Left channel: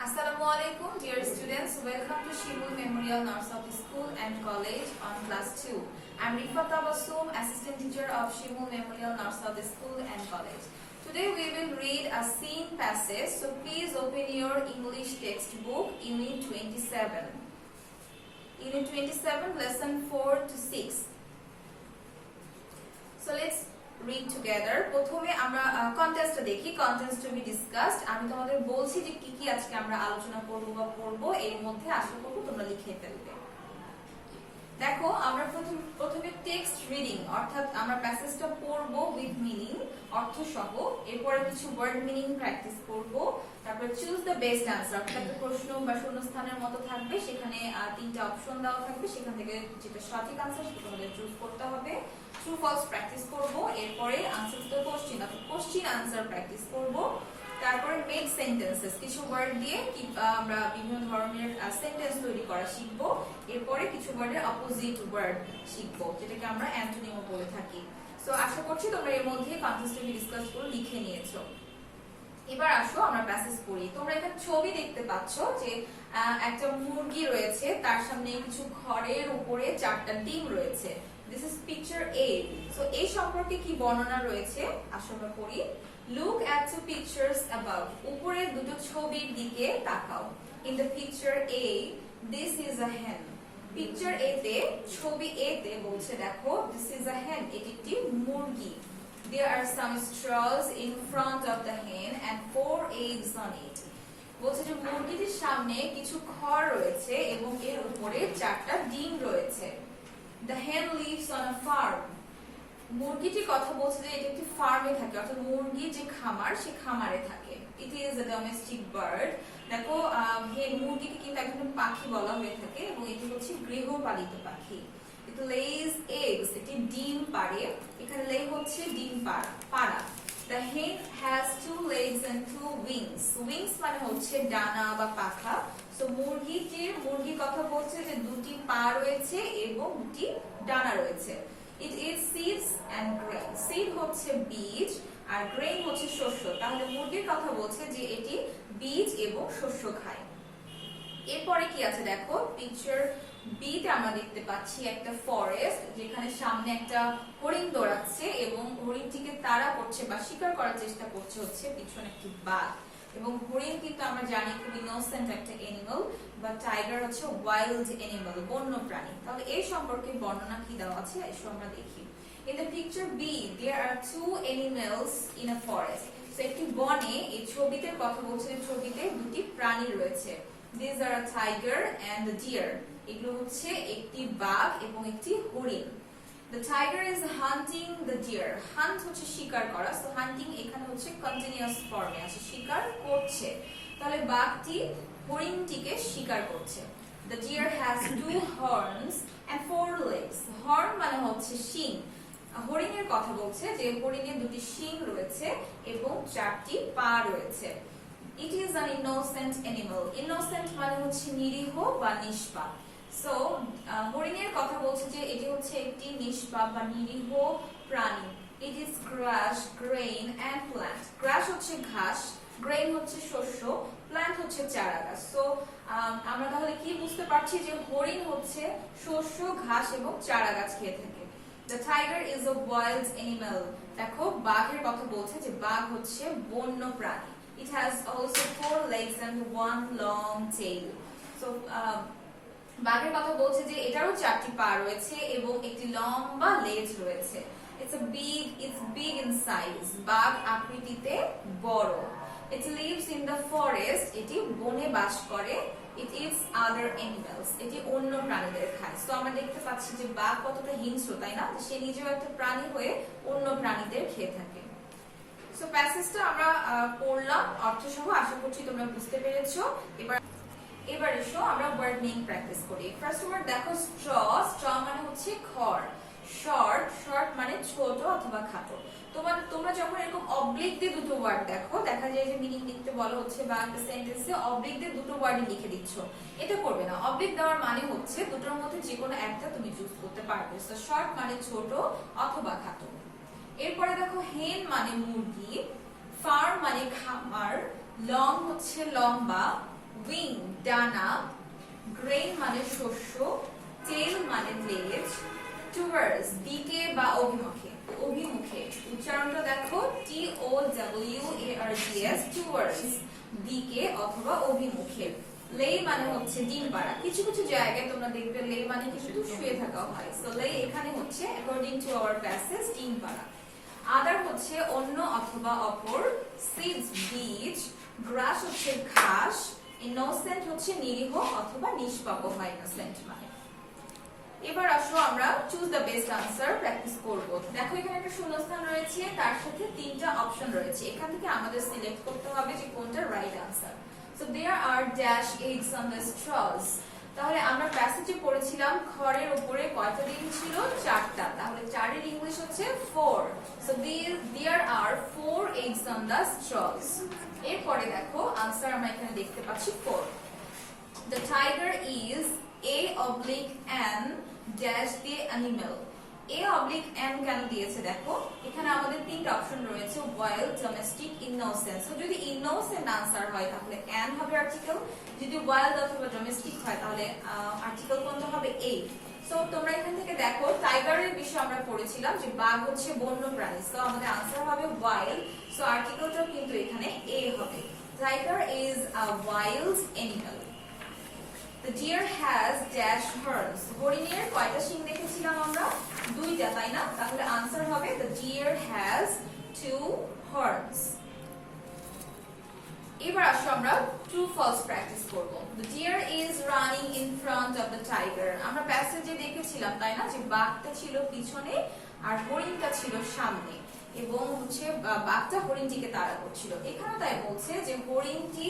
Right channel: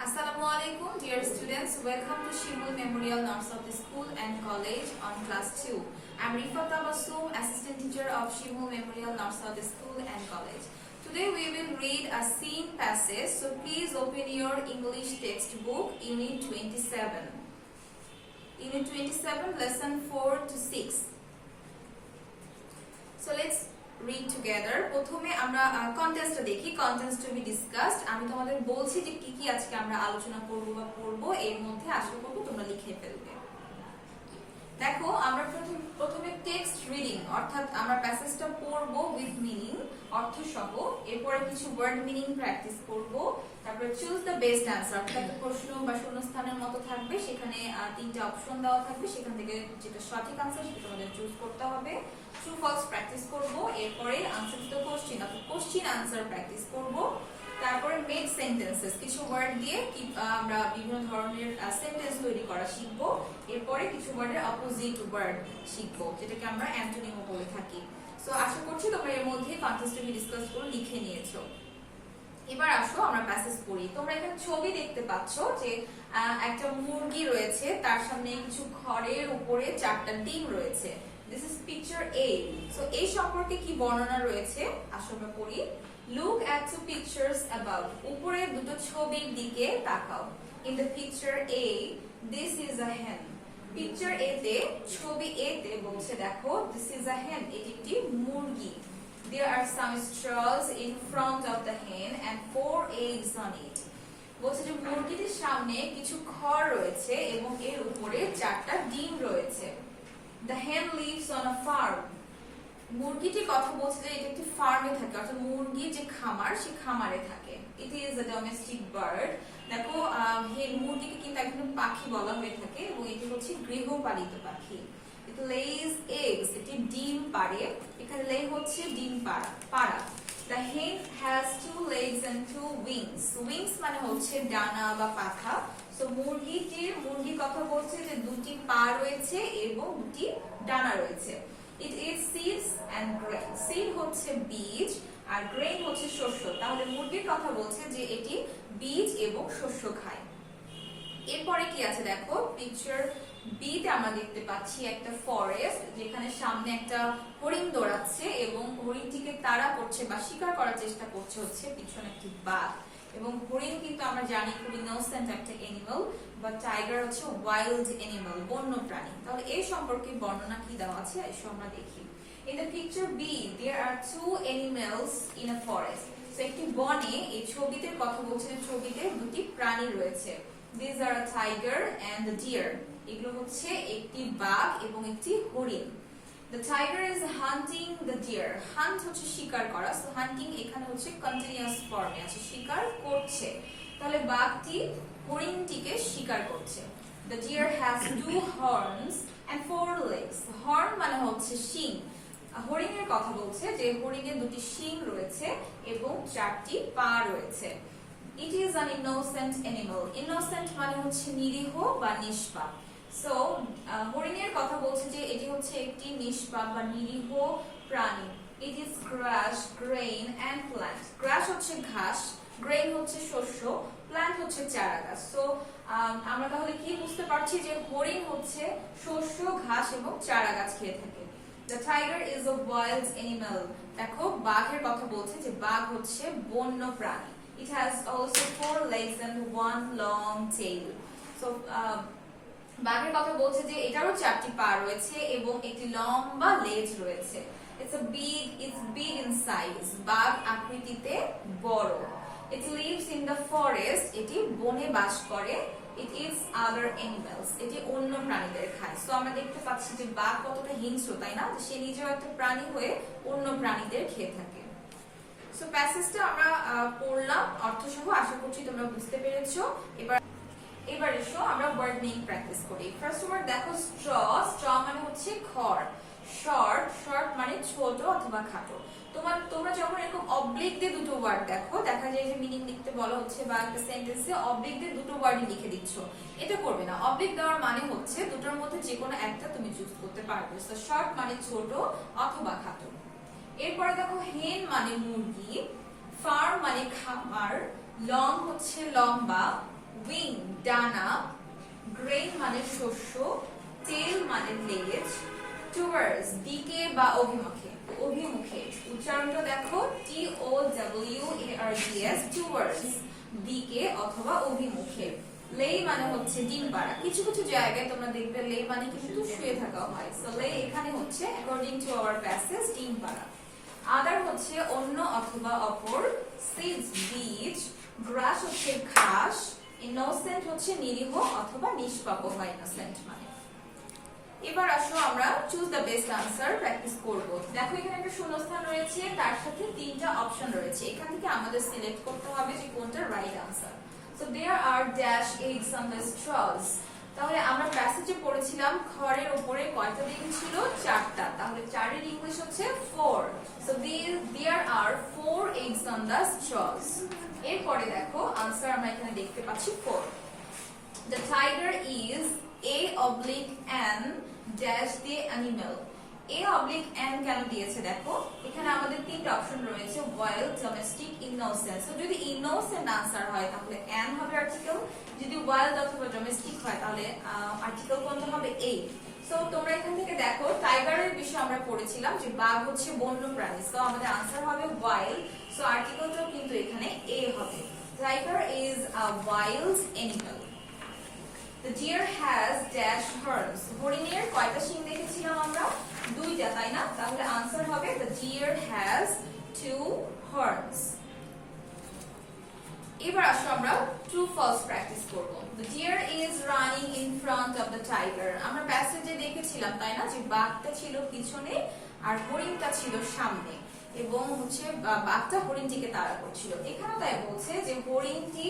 Assalamualaikum, dear students. Welcome to Shimul Memorial Narsat School and College on class 2. I'm Rifa Tabassum, assistant teacher of Shimul Memorial Narsat School and College. Today we will read a scene passage, so please open your English textbook, Unit 27. Unit 27, lesson 4 to 6. So let's read together. প্রথমে আমরা কন্টেন্টটা দেখি, contents two B discussed. আমি তোমাদের বলছি যে কি কি আজকে আমরা আলোচনা করব বা পড়ব, এর মধ্যে আশা করব তোমরা লিখে ফেলবে। দেখো, আমরা প্রথমে টেক্সট রিডিং, অর্থাৎ আমরা প্যাসেজটা পড়ব উইথ মিনিং, অর্থ সহ। এরপরে কিছু ওয়ার্ড মিনিং প্র্যাকটিস করব। তারপরে চুজ দ্য বেস্ট অ্যানসার, অর্থাৎ প্রশ্ন বা শূন্যস্থানের মতো থাকবে, সেখানে তিনটা অপশন দেওয়া থাকবে, সেখান থেকে যেটা সঠিক অ্যানসার সেটা তোমাদের চুজ করতে হবে। ট্রু ফলস প্র্যাকটিস করব। এরপরে আনসার দ্য কোশ্চেন, অর্থাৎ কোশ্চেন আনসার প্র্যাকটিস করব। তারপরে মেক সেন্টেন্সেস, কিছু ওয়ার্ড দিয়ে আমরা বিভিন্ন ধরনের সেন্টেন্স তৈরি করা শিখবো। এরপরে কিছু ওয়ার্ডের অপোজিট ওয়ার্ড শিখবো, যেটাকে আমরা অ্যান্টোনিমও বলে থাকি। সো আশা করছি তোমরা এর মধ্যে কন্টেন্টটি ডিসকাস করে লিখে নিয়েছো। এবার আসো আমরা প্যাসেজ পড়ি। তোমরা এখানে ছবি দেখতে পাচ্ছ যে একটা মুরগি রয়েছে, তার সামনে কিছু খড়ের উপরে 4টা ডিম রয়েছে। This is picture A. So এই সম্পর্কে কি বর্ণনা রয়েছে আসো আমরা পড়ি। Look at two pictures above. উপরে দুটো ছবির দিকে তাকাও। In the picture A, this is a hen. Picture A তে, ছবি A তে বলছে দেখো, this is a hen. এটি একটি মুরগি। There are some straws in front of the hen and 4 eggs on it. বলছে যে মুরগিটির সামনে কিছু খড় রয়েছে এবং এর উপরে 4টা ডিম রয়েছে। The hen lives on a farm. মুরগিটি কথা বলছে যে এটা একটি ফার্মে থাকে, অর্থাৎ মুরগি যে খামার, সেই খামারে থাকে। It is a domestic bird. দেখো, মুরগিকে কিন্তু এক ধরনের পাখি বলা হয়ে থাকে এবং এটি হচ্ছে গৃহপালিত পাখি। It lays eggs. এটি ডিম পাড়ে। এখানে lay হচ্ছে ডিম পাড়া। The hen has 2 legs and 2 wings. Wings মানে হচ্ছে ডানা বা পাখা। So মুরগি কথা বলছে যে দুটি পা রয়েছে এবং দুটি ডানা রয়েছে। It eats seeds and grain. Seed হচ্ছে বীজ আর grain হচ্ছে শস্য। তাহলে মুরগির কথা বলছে যে এটি বীজ এবং শস্য খায়। এরপরে কি আছে দেখো, পিকচার বি তে আমরা দেখতে পাচ্ছি একটা ফরেস্ট, যেখানে সামনে একটা হরিণ দৌড়াচ্ছে এবং হরিণটিকে তাড়া করছে বা শিকার করার চেষ্টা করছে হচ্ছে পিছনে একটি বাঘ। এবং হরিণ কিন্তু আমরা জানি খুব ইনোসেন্ট একটা অ্যানিমাল, বা টাইগার হচ্ছে ওয়াইল্ড অ্যানিমাল, বন্য প্রাণী। তাহলে এই সম্পর্কে বর্ণনা কি দেওয়া আছে এসো আমরা দেখি। In the picture B, there are 2 animals in a forest. So একটি বনে, এই ছবিতে কথা বলছে, ছবিতে দুটি প্রাণী রয়েছে। These are a tiger and a deer. এগুলো হচ্ছে একটি বাঘ এবং একটি হরিণ। The tiger is hunting the deer. Hunt হচ্ছে শিকার করা, সো হান্টিং এখানে হচ্ছে কন্টিনিউয়াস ফর্মে আছে, শিকার করছে। তাহলে বাঘটি হরিণটিকে শিকার করছে। The deer has 2 horns and 4 legs. Horn মানে হচ্ছে শিং। হরিণের কথা বলছে যে হরিণের দুটি শিং রয়েছে এবং 4টি পা রয়েছে। It is an innocent animal. Innocent মানে হচ্ছে নিরীহ বা নিষ্পাপ। সো হরিণের কথা বলছে যে এটি হচ্ছে একটি নিষ্পাপ বা নিরীহ প্রাণী। It is grass, grain and plant. Grass হচ্ছে ঘাস, grain হচ্ছে শস্য, plant হচ্ছে চারা গাছ। সো আমরা তাহলে কি বুঝতে পারছি যে হরিণ হচ্ছে শস্য, ঘাস এবং চারা গাছ খেয়ে থাকে। The tiger is a wild animal. দেখো, বাঘের কথা বলছে যে বাঘ হচ্ছে বন্য প্রাণী। It has also 4 legs and 1 long tail. So বাঘের কথা বলছে যে এটারও 4টি পা রয়েছে এবং একটি লম্বা লেজ রয়েছে। It's big in size. বাঘ আকৃতিতে বড়। It lives in the forest. এটি বনে বাস করে। It eats other animals. এটি অন্য প্রাণীদের খায়। সো আমরা দেখতে পাচ্ছি যে বাঘ কতটা হিংস্র, তাই না? সে নিজেও একটা প্রাণী হয়ে অন্য প্রাণীদের খেয়ে থাকে। সো প্যাসেজটা আমরা পড়লাম অর্থ সহ, আশা করছি তোমরা বুঝতে পেরেছো। এবার এসো আমরা ওয়ার্ড মিনিং প্র্যাকটিস করি। ফার্স্ট ওয়ার্ড দেখো, স্ট্র মানে হচ্ছে খড়। শর্ট মানে ছোট অথবা খাটো। তোমরা যখন এরকম অবলিক দিয়ে দুটো ওয়ার্ড দেখো, দেখা যায় যে মিনিং লিখতে বলা হচ্ছে বা একটা সেন্টেন্সে অবলিক দিয়ে দুটো ওয়ার্ডই লিখে দিচ্ছ, এটা করবে না। অবলিক দেওয়ার মানে হচ্ছে দুটোর মধ্যে যে কোনো একটা তুমি চুজ করতে পারবে। সো শর্ট মানে ছোট অথবা খাটো। এরপরে দেখো, হেন মানে মুরগি, ফার্ম মানে খামার, লং হচ্ছে লম্বা, উইং ডানা, গ্রেইন মানে শস্য, টেল মানে লেজ, টুয়ার্ডস দিকে বা অভিমুখে, অভিমুখে উচ্চারণটা দেখো TOWARDS, টুয়ার্ডস দিকে অথবা অভিমুখে। লেই মানে হচ্ছে ডিম পাড়া, কিছু কিছু জায়গায় তোমরা দেখবে লেই মানে কিন্তু শুয়ে থাকা হয়, সো লেই এখানে হচ্ছে অ্যাকর্ডিং টু আওয়ার প্যাসেজ ডিম পাড়া। আদার হচ্ছে অন্য অথবা অপর, সিডস বীজ, গ্রাস হচ্ছে ঘাস, ইনোসেন্ট হচ্ছে নিরীহ অথবা নিষ্পাপ হয় ইনোসেন্ট মানে। এবার আসো আমরা choose the best answer practice করব। দেখো এখানে একটা শূন্যস্থান রয়েছে, তার সাথে তিনটা অপশন রয়েছে, এখান থেকে আমাদের সিলেক্ট করতে হবে যে কোনটা right answer. So there are dash eggs on the straws. তাহলে আমরা প্যাসেজে পড়েছিলাম খড়ের উপরে কয়টা ডিম ছিল? 4টা, তাহলে 4 এর ইংলিশ হচ্ছে 4। So there are 4 eggs on the straws. এরপরে দেখো আনসার আমরা এখানে দেখতে পাচ্ছি 4। The tiger is A/N dash the animal. A/N কেন দিয়েছে দেখো, এখানে আমাদের তিনটা অপশন রয়েছে, wild, domestic, innocent। সো যদি innocent আনসার হয় তাহলে N হবে আর্টিকেল, যদি wild অথবা domestic হয় তাহলে আর্টিকেল কোনটা হবে? A। সো তোমরা এখান থেকে দেখো টাইগারের বিষয়ে আমরা পড়েছিলাম যে বাঘ হচ্ছে বন্য প্রাণী, সো আমাদের আনসার হবে wild, সো আর্টিকেলটাও কিন্তু এখানে A হবে। Tiger is a wild animal. The deer has dash horns. হরিণের কয়টা শিং দেখেছিলাম আমরা? 2টা, তাই না? তাহলে আনসার হবে the deer has 2 horns. এবার আসো আমরা ট্রু ফলস প্র্যাকটিস করব। The deer is running in front of the tiger. আমরা প্যাসেজে দেখেছিলাম তাই না যে বাঘটা ছিল পিছনে আর হরিণটা ছিল সামনে, এবং হচ্ছে বাঘটা হরিণটিকে তাড়া করছিল। এখানে তাই বলছে যে হরিণটি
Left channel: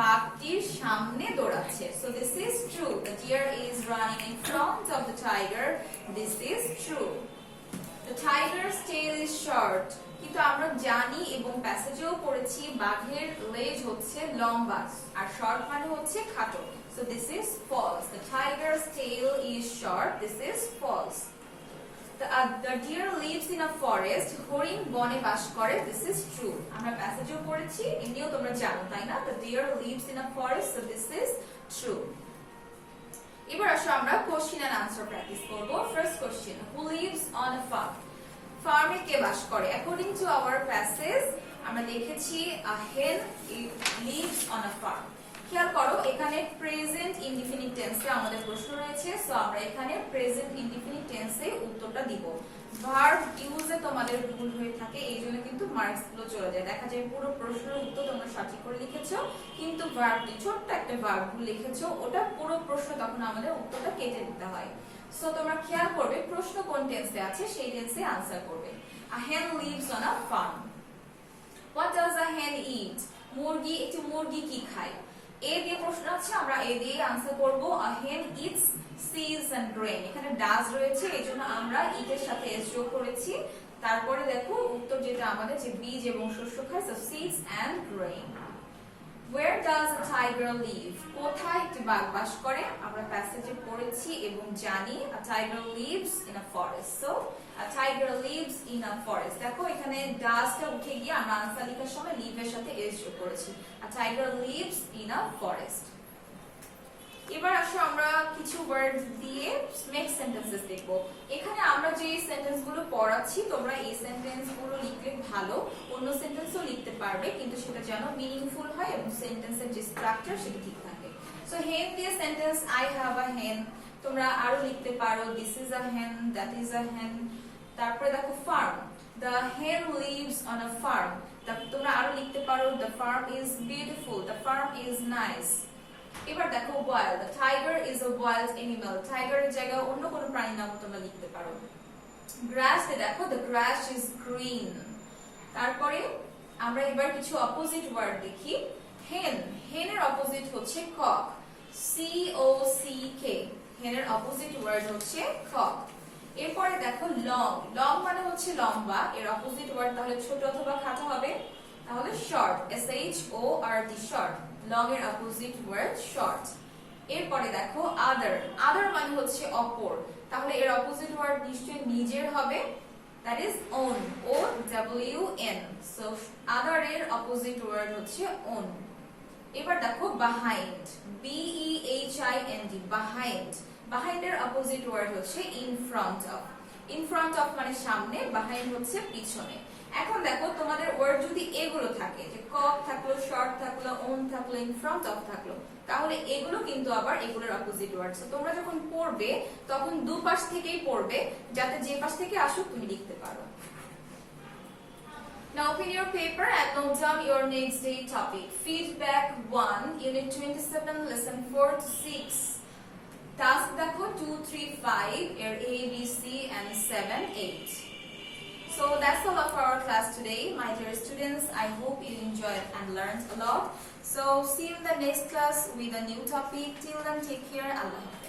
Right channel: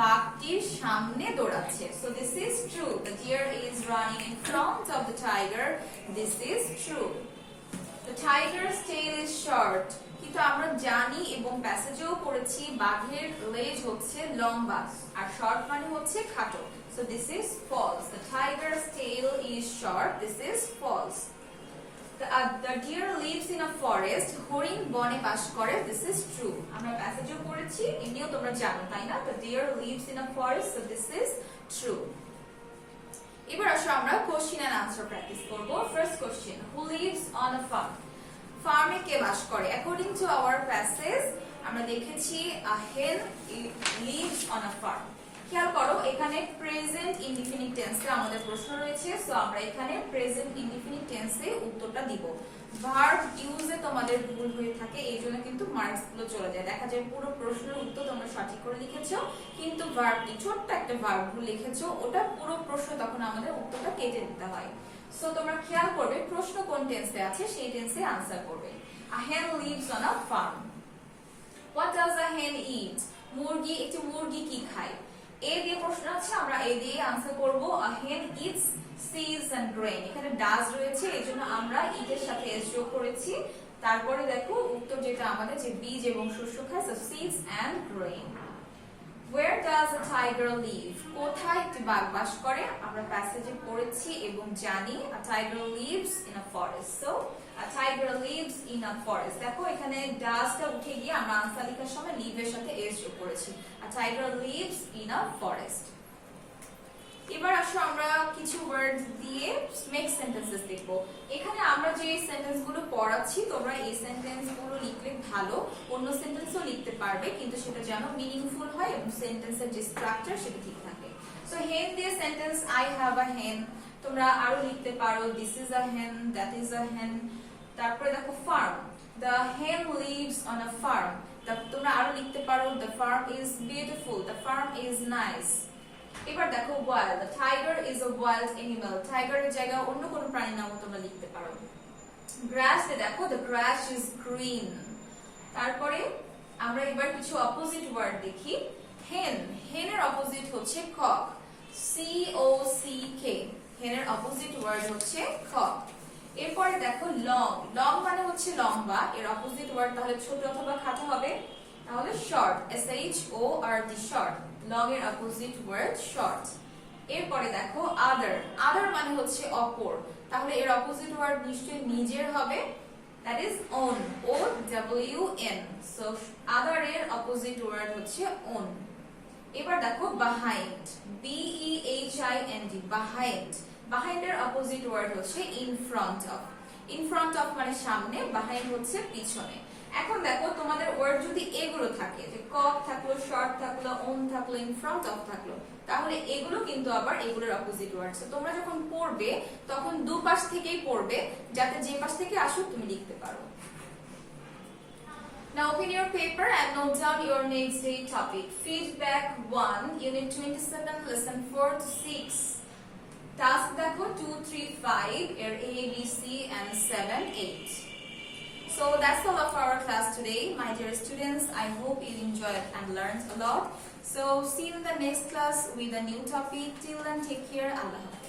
বাঘটির সামনে দৌড়াচ্ছে। So this is true. The deer is running in front of the tiger. This is true. The tiger's tail is short. কিন্তু আমরা জানি এবং প্যাসেজেও পড়েছি বাঘের লেজ হচ্ছে লম্বা আর শর্ট মানে হচ্ছে খাটো। So this is false. The tiger's tail is short. This is false. The deer lives in a forest. হরিণ বনে বাস করে। This is true. আমরা প্যাসেজেও পড়েছি, এমনিও তোমরা জানো তাই না? The deer lives in a forest. So this is true. এবার আসো আমরা কোশ্চেন এন্ড আনসার প্র্যাকটিস করব। First question, who lives on a farm? ফার্মে কে বাস করে? অ্যাকর্ডিং টু আওয়ার প্যাসেজ আমরা দেখেছি a hen lives on a farm. খেয়াল করো এখানে প্রেজেন্ট ইনডিফিনিট টেন্সে আমাদের প্রশ্ন রয়েছে, সো আমরা এখানে প্রেজেন্ট ইনডিফিনিট টেন্সে উত্তরটা দিব। ভার্ব ইউজে তোমাদের ভুল হয়ে থাকে, এইজন্য কিন্তু মার্কস গুলো চলে যায়। দেখা যায় পুরো প্রশ্নের উত্তর তোমরা সঠিক করে লিখেছো, কিন্তু ভার্বটি ছোট্ট একটা ভার্ব ভুল লিখেছো, ওটা পুরো প্রশ্ন তখন আমাদের উত্তরটা কেটে দিতে হয়। সো তোমরা খেয়াল করবে প্রশ্ন কোন টেন্সে আছে সেই টেন্সে আনসার করবে। A hen lives on a farm. What does a hen eat? মুরগি, একটি মুরগি কি খায়? এ দিয়ে প্রশ্ন আছে, আমরা এ দিয়ে আনসার করব। A hen eats seeds and grain. এখানে ডাজ রয়েছে, এজন্য আমরা ইট এর সাথে এস যোগ করেছি। তারপরে দেখো উত্তর যেটা আমাদের যে বীজ এবং শস্য খায়, so seeds and grain. Where does a tiger live? কোথায় একটি বাঘ বাস করে? আমরা প্যাসেজে পড়েছি এবং জানি a tiger lives in a forest. So a tiger lives in a forest. দেখো এখানে ডাজটা উঠে গিয়ে আমরা আনসার লেখার সময় লিভ এর সাথে এস যোগ করেছি। A tiger lives in a forest. এবার আসো আমরা কিছু ওয়ার্ড দিয়ে মেক সেন্টেন্সেস দেখব। এখানে আমরা যে সেন্টেন্স গুলো পড়াচ্ছি তোমরা এই সেন্টেন্স গুলো লিখলে ভালো, অন্য সেন্টেন্সও লিখতে পারবে, কিন্তু সেটা যেন মিনিংফুল হয় এবং সেন্টেন্সের যে স্ট্রাকচার সেটা ঠিক থাকে। সো হেন দিয়ে সেন্টেন্স আই হ্যাভ আ হেন, তোমরা আরো লিখতে পারো দিস ইজ আ হেন, দ্যাট ইজ আ হেন। তারপরে দেখো farm, the hen lives on a farm, তোমরা আরো লিখতে পারো the farm is beautiful, the farm is nice. এবার দেখো wild, the tiger is a wild animal, টাইগারের জায়গায় অন্য কোনো প্রাণীর নামও তোমরা লিখতে পারো। গ্রাস এ দেখো দ্য গ্রাস ইজ গ্রিন। তারপরে আমরা এবার কিছু অপোজিট ওয়ার্ড দেখি। হেন, হেনের অপোজিট হচ্ছে কক, COCK, হেনের অপোজিট ওয়ার্ড হচ্ছে কক। এরপরে দেখো লং, লং মানে হচ্ছে লম্বা, এর অপোজিট ওয়ার্ড তাহলে ছোট অথবা খাটো হবে, তাহলে শর্ট, SHORT, শর্ট। লং এর অপোজিট ওয়ার্ড শর্ট। এরপরে দেখো আদার, আদার মানে হচ্ছে অপর, তাহলে এর অপোজিট ওয়ার্ড নিশ্চয়ই নিজের হবে, that is own, OWN। So other এর অপোজিট ওয়ার্ড হচ্ছে ওন। এবার এবার দেখো behind, BEHIND, behind, behind এর অপোজিট ওয়ার্ড হচ্ছে in front of, in front of মানে সামনে, behind হচ্ছে পিছনে। এখন দেখো তোমাদের ওয়ার্ড যদি এগুলো থাকে, যে কক থাকলো, শর্ট থাকলো, অন থাকলো, in front of থাকলো, তাহলে এগুলো কিন্তু আবার এগুলোর অপোজিট ওয়ার্ড। সো তোমরা যখন পড়বে তখন দুপাশ থেকেই পড়বে, যাতে যে পাশ থেকে আসুক তুমি লিখতে পারো। Now open your paper and note down your next day topic. Feedback 1, Unit 27, Lesson 4 to 6. Task দেখো 2, 3, 5, এর A, B, C and 7, 8. So that's all of our class today, my dear students. I hope you enjoyed and learned a lot. So see you in the next class with a new topic. Till then, take care. Allah Hafiz.